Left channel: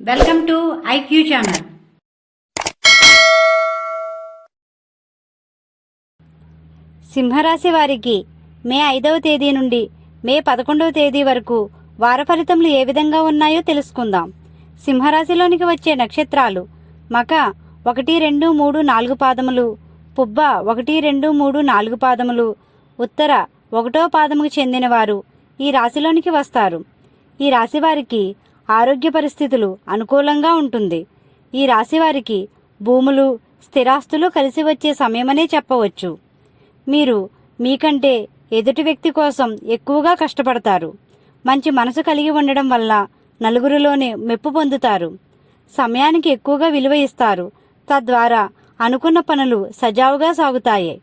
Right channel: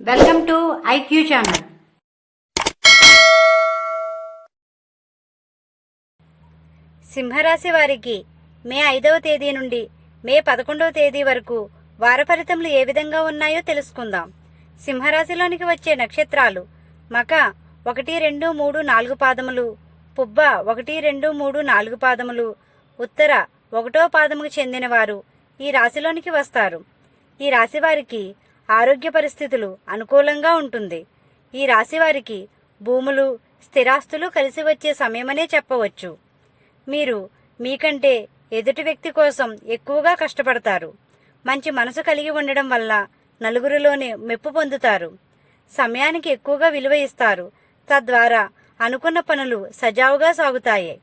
Welcome to IQ channel. సింహరాశి వారికి మే ఐదవ తేదీ నుండి మే పదకొండవ తేదీ వరకు వార ఫలితములు ఏ విధంగా ఉన్నాయో తెలుసుకుందాం. సింహరాశిలోనికి వచ్చే నక్షత్రాలు మక ఒకటి రెండు మూడు నాలుగు పాదములు పుబ్బ ఒకటి రెండు మూడు నాలుగు పాదములు ఉత్తర ఒకటో పాదముకు చెందినవారు ఈ రాశిలోనికి వస్తారు. ఈ రాశి వారికి ఆరోగ్య పరిస్థితులు అనుకూలంగా ఉంటుంది. ఈ రాశి వారికి భూములు స్థిరాస్తులు కలిసి వచ్చే సమయమనే చెప్పవచ్చు. మీరు మీకంటే ఎదుటి వ్యక్తి కోసం ఎక్కువగా కష్టపడతారు. మంచి మనసు కలిగి ఉండడం వల్ల నలుగురిలోనే మెప్పు పొందుతారు. సమయానికి ఎక్కువగా విలువ ఇస్తారు. తద్వారా అనుకున్న పనులు సజావుగా సాగుతాయి.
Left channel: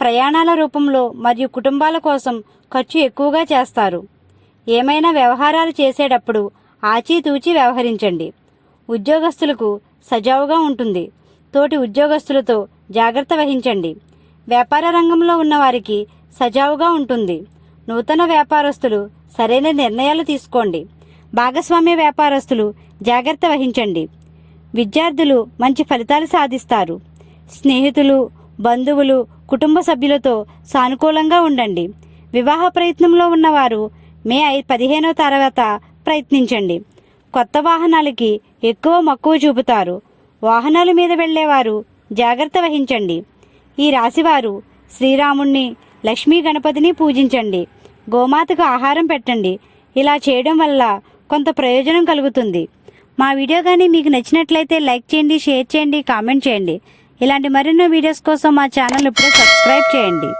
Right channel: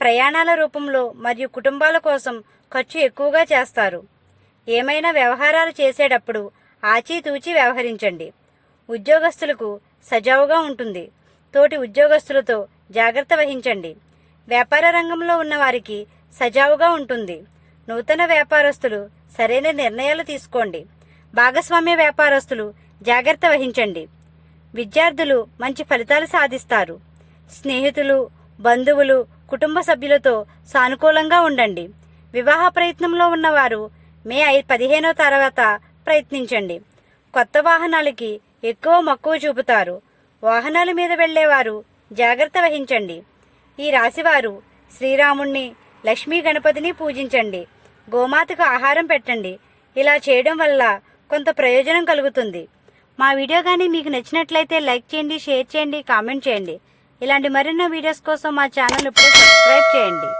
ప్రయాణాల రూపంలో మరియు కుటుంబాల కోసం ఖర్చు ఎక్కువగా చేస్తారు. ఏమైనా వ్యవహారాలు చేసేటప్పుడు ఆచితూచి వ్యవహరించండి. ఉద్యోగస్తులకు సజావుగా ఉంటుంది. తోటి ఉద్యోగస్తులతో జాగ్రత్త వహించండి. వ్యాపార రంగంలో ఉన్నవారికి సజావుగా ఉంటుంది. నూతన వ్యాపారస్తులు సరైన నిర్ణయాలు తీసుకోండి. భాగస్వామ్య వ్యాపారస్తులు జాగ్రత్త వహించండి. విద్యార్థులు మంచి ఫలితాలు సాధిస్తారు. స్నేహితులు బంధువులు కుటుంబ సభ్యులతో సానుకూలంగా ఉండండి. వివాహ ప్రయత్నంలో ఉన్నవారు మే ఐ పదిహేనో తర్వాత ప్రయత్నించండి. కొత్త వాహనాలకి ఎక్కువ మక్కువ చూపుతారు. వాహనాల మీద వెళ్ళేవారు జాగ్రత్త వహించండి. ఈ రాశివారు శ్రీరాముణ్ణి లక్ష్మీ గణపతిని పూజించండి. గోమాతకు ఆహారం పెట్టండి. ఇలా చేయడం వల్ల కొంత ప్రయోజనం కలుగుతుంది. మా వీడియో కానీ మీకు నచ్చినట్లయితే లైక్ చేయండి షేర్ చేయండి కామెంట్ చేయండి. ఇలాంటి మరెన్నో వీడియోస్ కోసం మా ఛానల్ ఇప్పుడే సబ్స్క్రైబ్ చేయండి.